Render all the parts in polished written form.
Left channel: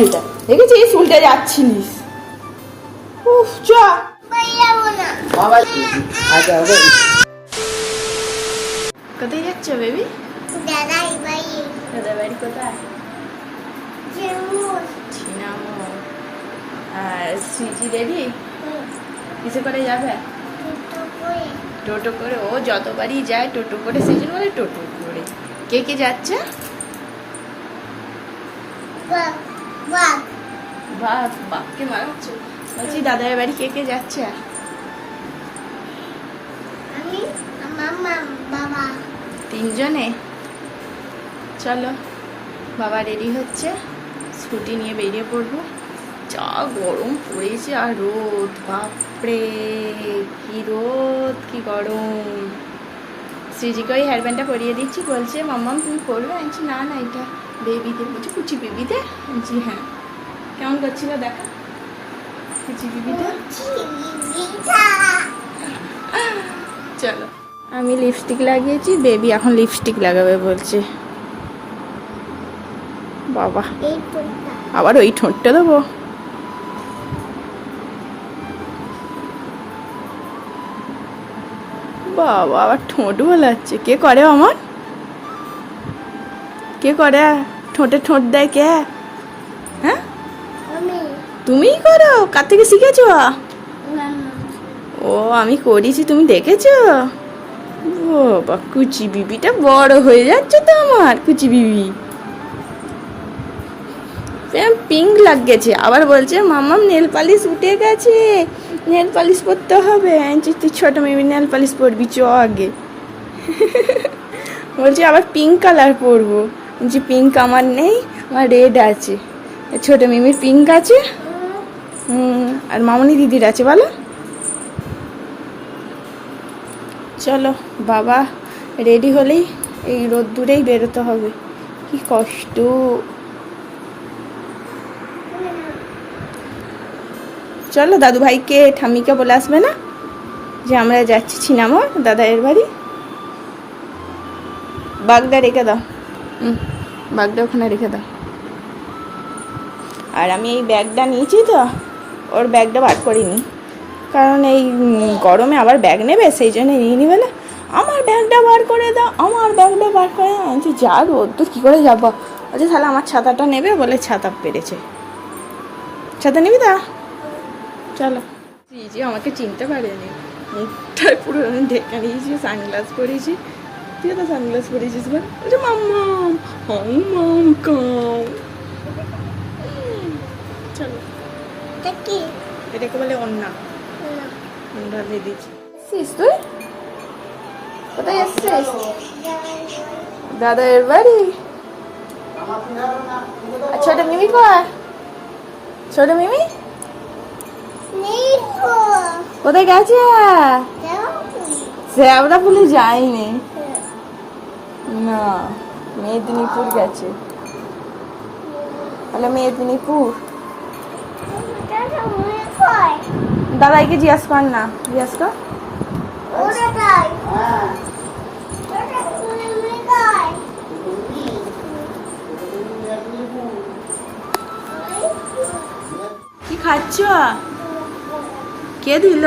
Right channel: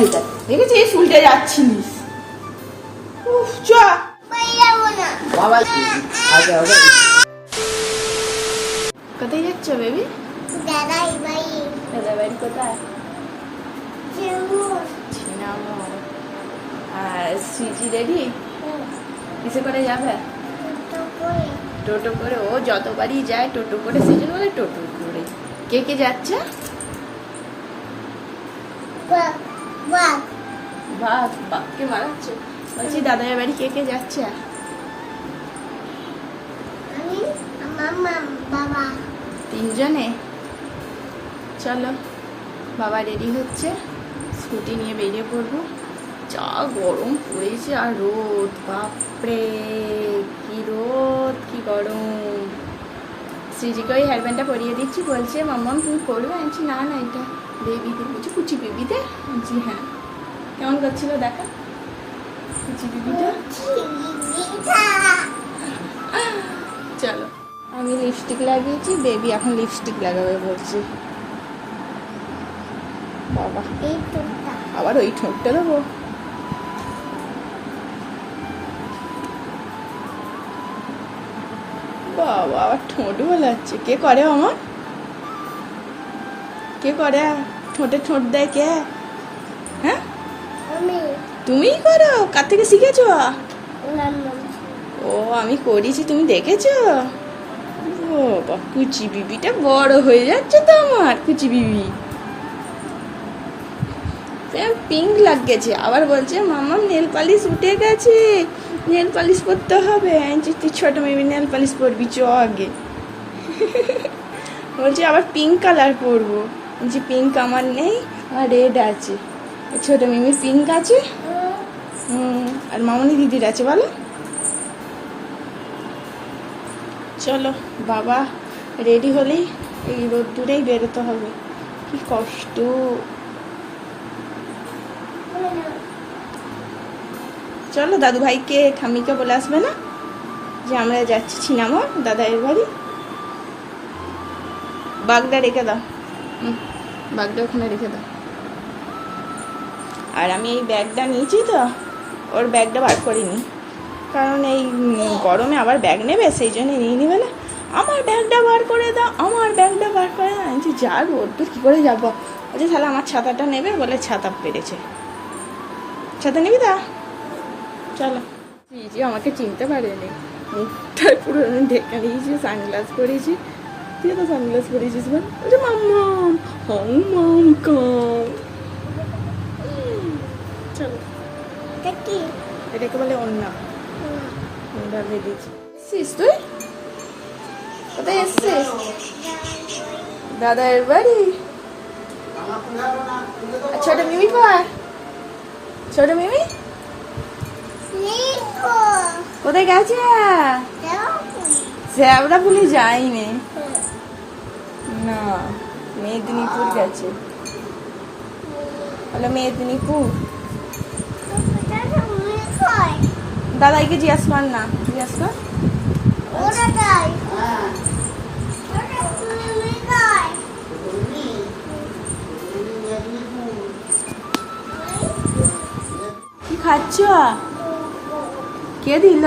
এইটা দেখেছিস উল্টে যাচ্ছিস। উফ চ কোথায় যাচ্ছ বেবি? দাদার বাড়ি কোথায়? ছিনামো। আর সিজি রেডি? কিসে করে যাবে? টোটো করে। ও যতবারই যায় টোটো করে, সেই জন্য বলে টোটো করে। কে কে যাচ্ছে? বাপকে মারাচ্ছ? বলছি দাদার বাড়ি কে কে যাচ্ছে? তিনজনে। চলো, বাবা রেডি হচ্ছে, স্কুটি নিয়ে বেরিয়ে পড়বো। যা গরম পড়েছে আর রোদ, বাপরে কি রোদ কি গরম। সিজিকে ওই হেয়ার ব্যান্ডটা পরিয়ে দিচ্ছি, বলছে মাম্মাম তুমি পরবে? আমি না না এটা বেবিতে। বলছি কুচি বেবিতে? বলছি হ্যাঁ। কেমন করছিল দেখা কুচি বেবিটা? চলো, আমি লিপস্টিক লাগিয়েছি, বেবি এখন লিপস্টিক লাগাবে বলছে। বাবা আবার ওই ঠোঁটটা দেবো? বাবা আবার ঠোঁট বলাচ্ছে। কে করে আমার? কে করে ঠোঁটে ঠোঁট দেয়? কে? হ্যাঁ তুমিই করো? কার থেকে শিখেছ? ও আমি করেছি, তুমি দেখেছো? ও বা কুচি বিবিটা বড় হয়ে যাচ্ছে তো আমার কুচি বিবি। পিঙ্ক লাগছে, আবার বলছে মাম্মাম নেল পালিশ উঠে গেছে, নেল পালিশ পরতে হবে। তুই ছোট মেয়ে নেল পালিশ পরবি, চ আগে। বলছে আবার পিঙ্ক কালার পরবো। বলছি পিঙ্ক আমার নেই, আমার রেড আছে। ছোট মিমির পিঙ্ক আছে, আর মামনি দিদির আছে। বলো চলো, বাবা রেডি হলেই এই রোদ্দুরেই বেরোতে হবে। কি কষ্ট। চলো, দাদু ভাইকে ঠাম্মিকে বলে আসবে না যে আমরা যাচ্ছি ছিনামো দাদাইয়ের বাড়ি। বাগদা রেখে দাও, বাগদা ওখানে রেখে দাও। আর আমি এই ব্যাগটা নিয়েছি তো, ওর ব্যাগটা বার করিনি, কারণ এই গরমে আবার ব্যাগ নেবে, সেই জন্য নিয়ে নিবে না। আমার ব্যাগটা বার করে দাও, আমার ব্যাগটা বার করে দাও। আমি যা রোদ্দুর কী করে যাবো? বলছে তাহলে আমার ছাতাটা নেবে, বলে ছাতা পেরেছে। ছাতা নিবি তা? চলো। জি আমাকে চিনতে পারেনি, মুখটায় পুরো ঢেকে নিয়েছি, সানগ্লাস পরেছি। তুই তো সানগ্লাস পরেছিস বল? বলছে মাম্মাম হাম্মাম কাম। চলো, এটাকে বলে অন্না। অন্না দিয়ে দিচ্ছি। তুই কোথায় এসছিস? দাদার বাড়ি। ছোট মিমি কয়? ছোট মিমি কোথায় গেছে? শ্যাওড়াফুলি যায়নি না, মেদিনীপুর গেছে। বলে মেদিনীপুর। দাদাইকে জিজ্ঞাস কর না, জিজ্ঞাস কর। কি খাচ্ছ? কে দিল?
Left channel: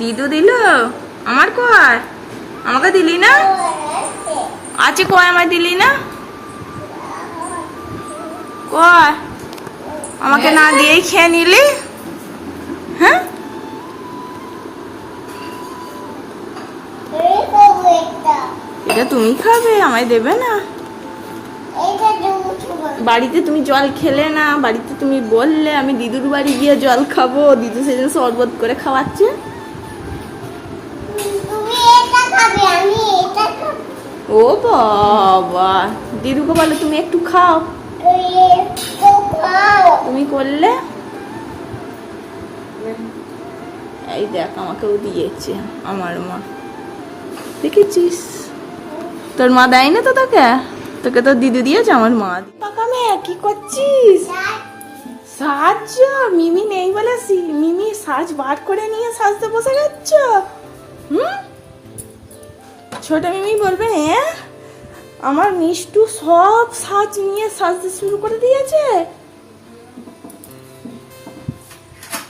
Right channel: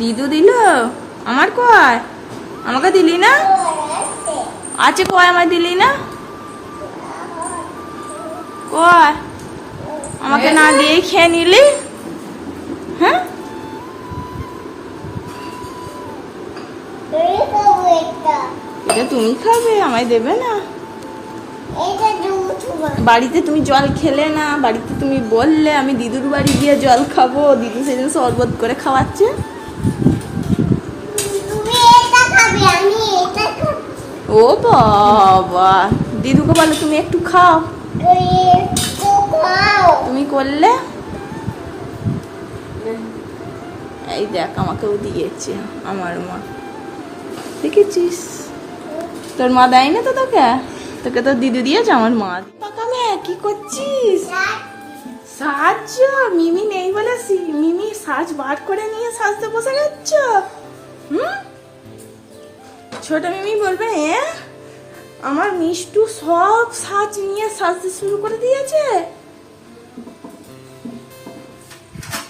দিদু দিল? আমার কয়? আমাকে দিলি না? আছে কয়, আমার দিলি না? কয় আমাকে না দিয়ে খেয়ে নিলি? হ্যাঁ এটা তুমি খাবে, আমায় দেবে না? বাড়িতে তুমি জল খেলে না, বাড়িতে তুমি বললে আমি দিদুর বাড়ি গিয়ে জল খাবো, দিদু সেদিন শরবত করে খাওয়াচ্ছে। ও বাবা, দিদুকে বলো তুমি একটু খাও, তুমি করলে। এই দেখ আমাকেও দিয়েছে আমার মা, দেখেছিস? তোর মা দেয় না তো তোকে? তোকে তো দিদু দিয়েছে, আমার মা। পাকামে কি করছিস? সাজ। মিমি নেই বলে মিমি সাজ বার করে নিয়ে সাজতে বসে যাচ্ছ। ছোট মিমি বলবে আমার মিষ্টু সব সাজ নিয়ে সাজতে শুরু করে দিয়েছে।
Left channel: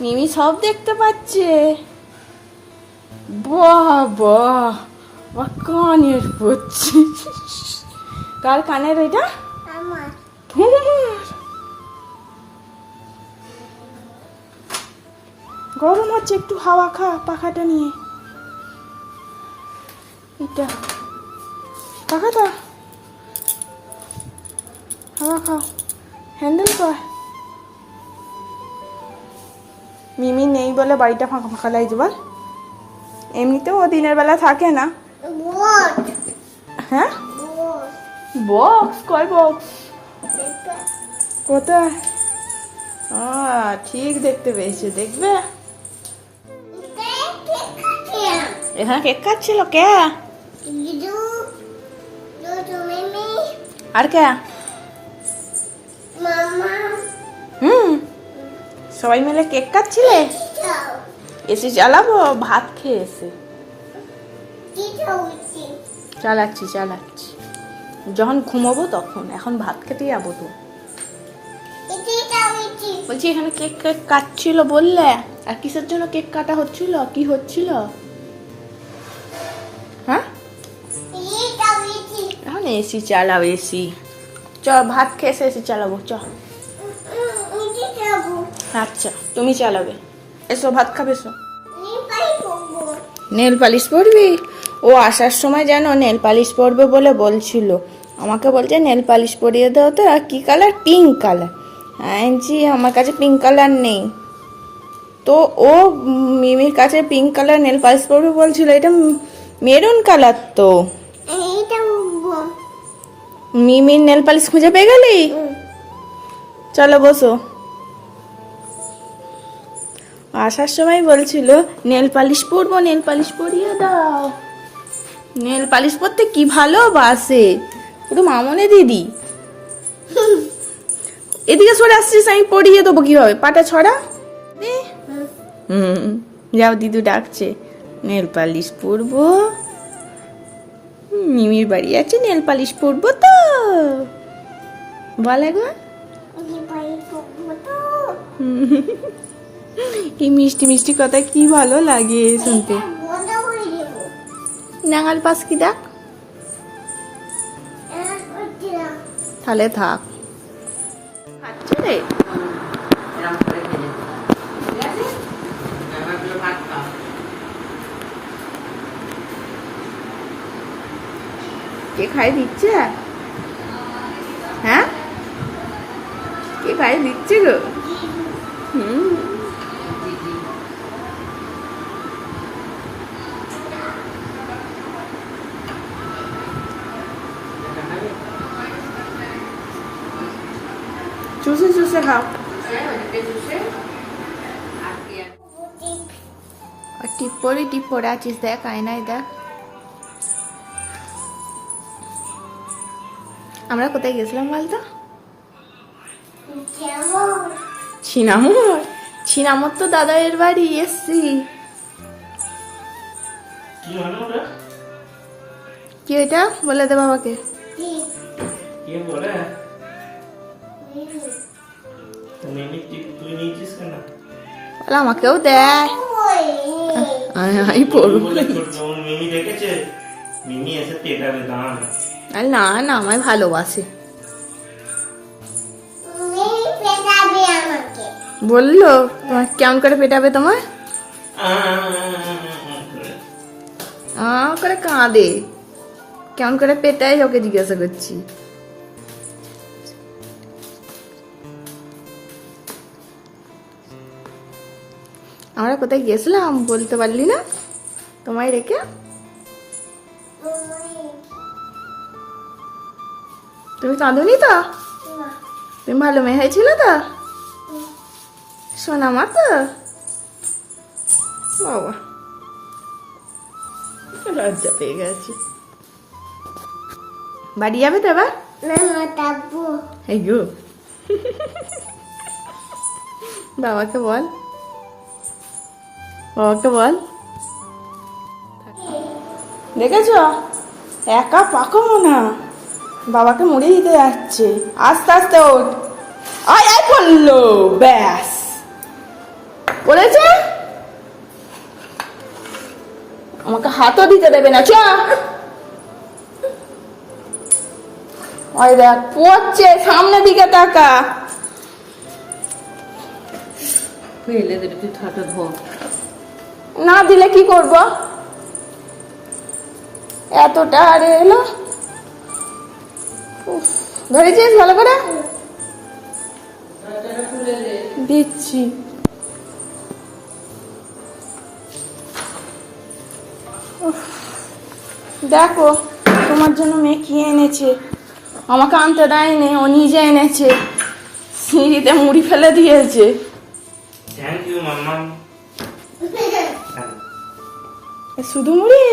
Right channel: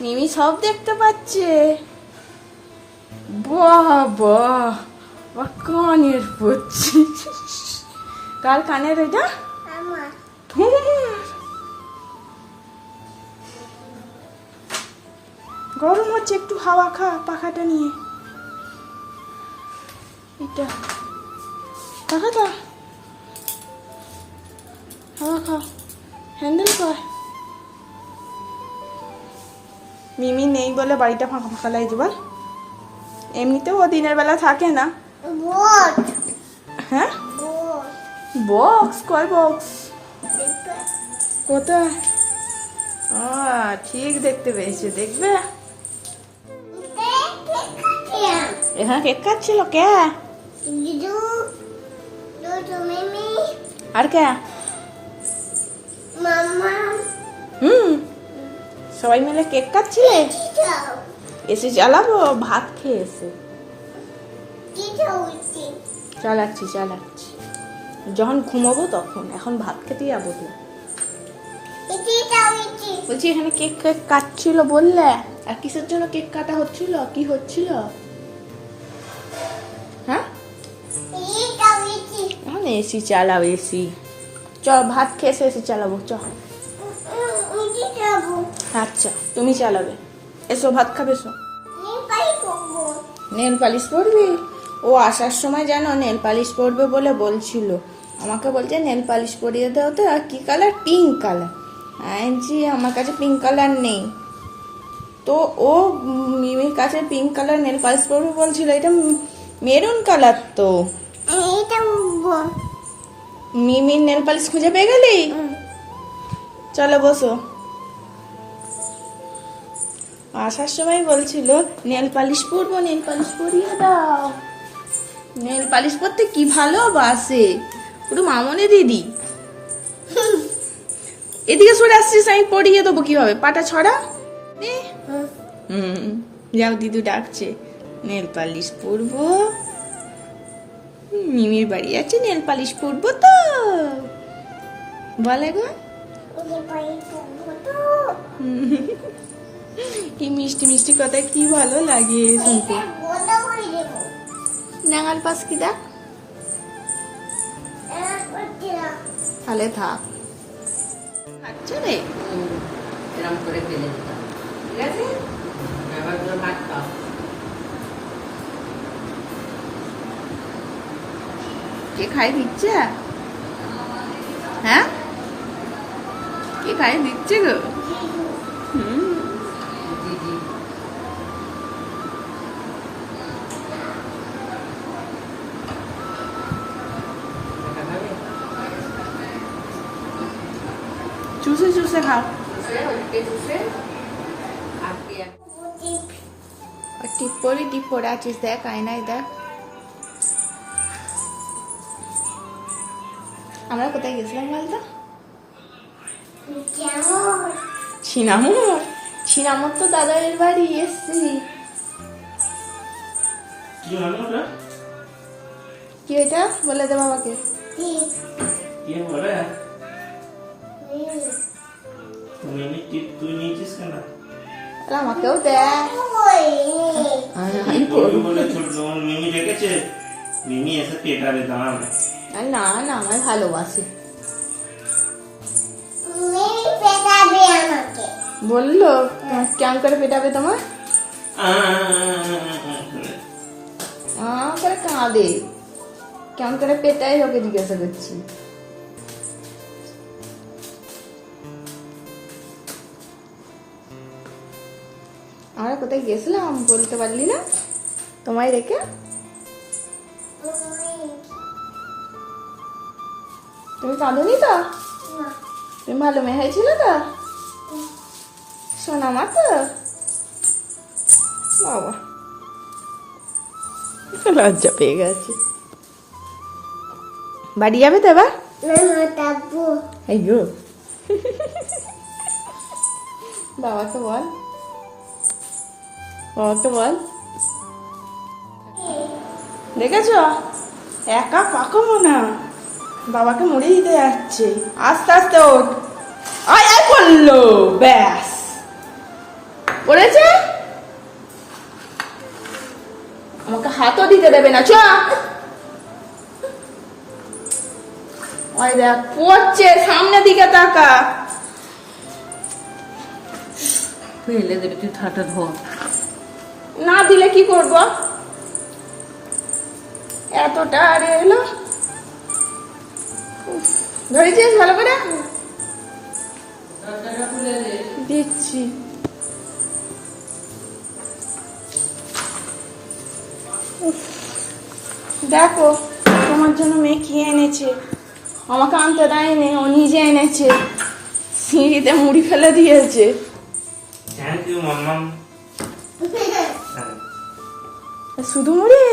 মিমি সব দেখতে পাচ্ছে। বাহ বাহ, কানের পড়ছি। কার কানের এটা? গরম হচ্ছে, একটু হাওয়া খা পাখাটা নিয়ে। এটা পাখাটা হাওয়া খা, হ্যান্ডেল কর। মিমি নেই বলে বাড়িটা ফাঁকা ফাঁকা লাগছে বল। এমনিতেও ও দিনের বেলা থাকে না। হ্যাঁ, বক্স? কয় বক্স? কোথায়? ঠিক দেখতে পেয়েছি, দেখবে। এখানে কেক খাচ্ছিল কে? আর কে? সবাই মিলে কেক কাটছিলে? এসে চালাবো, ভাত খেয়ে এসে চালাচ্ছি। যখন ঘুমাবো তখন, এখন ভাত খেতে যাবো তো। বলছি এখানে কেক কাটছিল বললে, আর কিসের জন্য কেক কাটা হচ্ছিল? কি হচ্ছিল? হ্যাঁ, এখন এসি চালাও, এসি। চ ভাত খেয়ে এসি চালাবো, চ। আচ্ছা তুমি চালাবে, এসো ভাত খাবে, এসো। নেল পালিশ পরবি? ও আসার সময় জানো নেল পালিশ পরবে বলে বলছিল, আমাকে বলছে নেল পালিশ পরিয়ে দাও তো। আর কি কালার? Pink colour. জি আমার কাছে পিঙ্ক কালার নেই। তো ও মিমির কাছে পিঙ্ক কালার নেল পালিশ পরবে বলছিল। এটা মেরুন কালার তো। মিমির নেল পালিশ খুঁজে পেয়ে গেলি? চলো বসো। আসার সময় বলছিল নেল পালিশ পরবো, নেল পালিশ পরিয়ে দাও। নেল পালিশ পরতে কি ভালোবাসে, পুরো মামনে দিদি। এদিকে সরে আসছিস, আমি পরিয়ে দেবো কিভাবে? পাটা ছড়া। যাও, দিদু ডাকছে, নেল পালিশ পরবো। মিমির বাড়ি আছে, নেল পালিশ পরবো তো বলে গো। এই মিষ্টি মিষ্টি কথা কি ভালো লাগে শুনতে। নাঙাল পাস কি দেখ, তাহলে থাক। খাচ্ছে রে, কে খাই দিচ্ছে? হ্যাঁ, কে খাই দিচ্ছে গো? চুষে চুষে খাও। আর টিপ পরে আছিস, দেখ আয়নায় দেখ। আমরা কোথায় গেছিলাম বলতো? ছিনামোর তো দাদাইয়ের বাড়ি এসছি। কি ওইটা বলে দে বাবাকে। আমাকেও দেয়। না না, আমায় ভালোবাসে বললো। কেমন করে পেটাবে তোমায়? করে কাঁদে, কেমন করে পেটায় ওকে জিজ্ঞাসা করছি। আমরা কোথায় গেছিলাম বলতে পারলি না তোমায় রেখে? তুমি কাঁদোনি তো? তুমি ভালো মেয়ে হয়েছিল তো? শোনা মা তো বাবা, লজ্জা পেয়ে গেছে। বাড়ি যাবে তো এবার? বাবাকে বল, বাবাকে বল। দেখেছ একা পাকাবো না, বাবাকে মুড়ি দিতে যাচ্ছে, আস্তে আস্তে ওঠ। আয় আয় পড়লো, ব্যাস পড়েছে। আমাকে হাতও দিতে দেবে না, চ। ওই দেখ পড়ছে, সামনের দিকে তাকা। ফেলে দেবে, তুই ঠাটা ধর। না দিলে কি করব? এতটা আরে এলো, ধরেছিস ভালো করে? দিচ্ছি। দেখো তোমার জন্য মেয়ে কি এনেছে, আমাকে আনতে দেয়নি, ও নিজে এনেছে। সিঁড়িতে মুড়ি ফেলে দিয়েছে। থ্যাংক ইউ মাম্মাম। শুধু মুড়ি?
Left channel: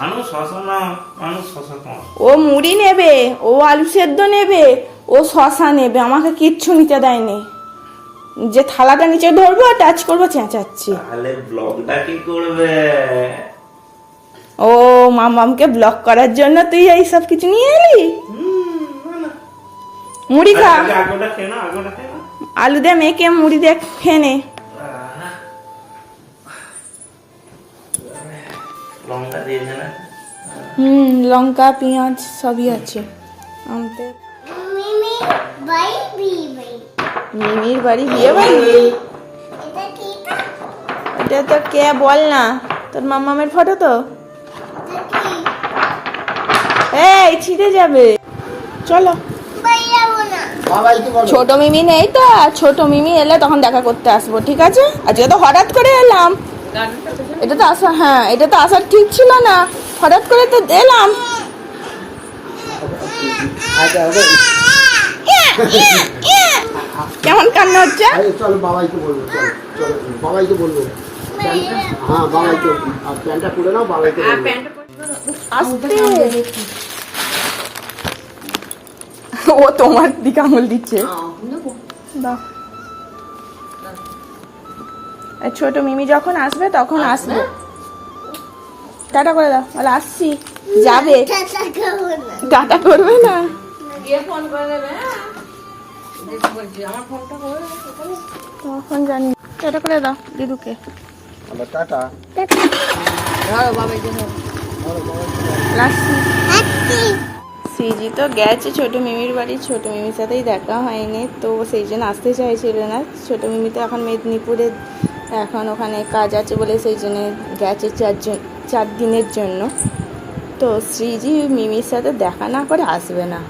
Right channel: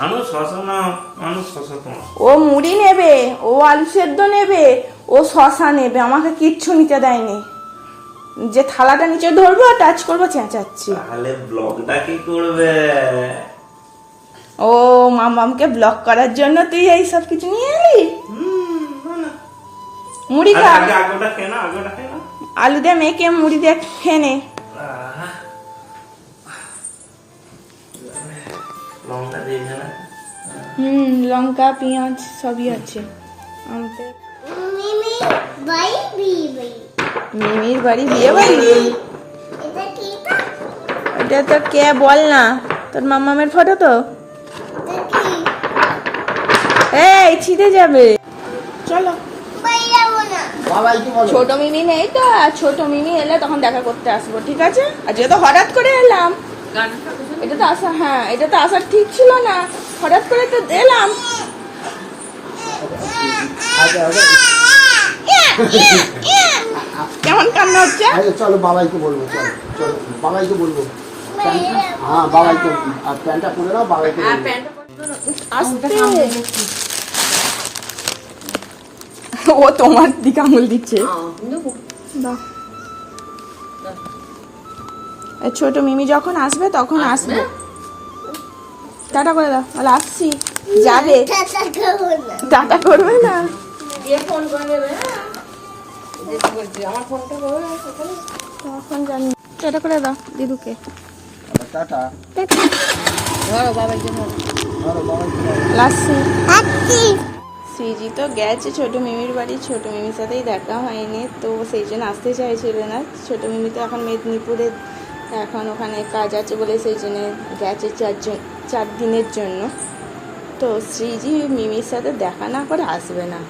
মানুষ শশা না, মানুষ শশা তোমার। ও মুড়ি নেবে, ও আলু সেদ্ধ নেবে, ও শশা নেবে, আমাকে কিচ্ছু নিতে দেয়নি। যে থালাটা নিচে ধরবো টাচ করবো চেঁচাচ্ছি। তাহলে ব্লগটা কি করবে? ও মামামকে ব্লক করার জন্য তুই এই সব কিছু নিয়ে এলি? মুড়ি খা, আগে আগোটা খেয়ে না, আগোটা খেয়ে না। আলু দিয়ে মেখে মুড়ি দিয়ে খেয়ে নে। লঙ্কা দিয়েছে না? লঙ্কা পেঁয়াজ সবই আছে। আনতে মিমির বাড়ি বিয়ে বাড়ি? এটা তো কে বল না, তোর মামামের ফটো তো। এই ছিঁড়ে যাবে, চলো। ছোট মিমি নেই তো, আর ছোট মিমি এলে তখন দেখা করতে আসবো, ঠিক আছে? আজকে তো হঠাৎ করে এলাম, এটা তো আসা, হ্যাঁ এটা তো আসার ঠিক ছিল না, হঠাৎ করে তো এলাম। কেমন কান্না হচ্ছে? চলো বাবাইকে বলবো, চলো চলো বাবাইকে বলবো। হ্যাঁ বাবাইকে, আর প্যান্টটা পরে নাও, বাবাইকে বলবো। আসতে ও তোমার দিকে আঙুল দিচ্ছে। দাও। এই ছোট মিমি যখন আসবে তখন আসবে। টাটা করে দাও, বলে আসছি। যাবে, টাটা করবে না। তখন জানি। টাটা করে দাও দিদুকে। টাটা। লাসি শ্রীজি তো গেছে ছোট মিমির বাড়ি, ছোট মিমির সাথেই দেখা হয়নি, তো সেই জন্য আসতে চাইছিল না। ছোট মিমি তো এখন মেদিনীপুরে, এখন ওখানে কাজ আছে বলে সেই জন্য গেছে 4 দিনের জন্য। তো শ্রীজি মিমির সাথে দেখা না করে আসবে না।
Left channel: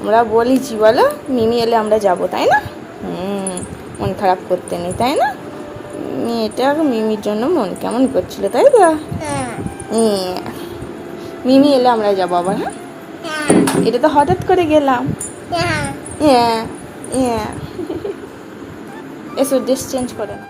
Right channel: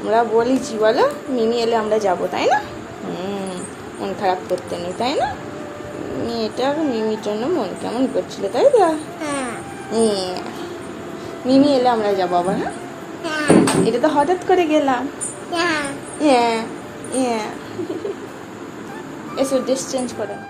আমরা বলেছি বলো, মিমি এলে আমরা যাব, তাই না? মন খারাপ করতে নেই, তাই না? মেয়েটা মিমির জন্য মন কেমন করছিল, তাই তো? মিমি এলে আমরা যাবো আবার। হ্যাঁ, এটা তো হঠাৎ করে গেলাম। এসো ড্রেস চেঞ্জ করো না।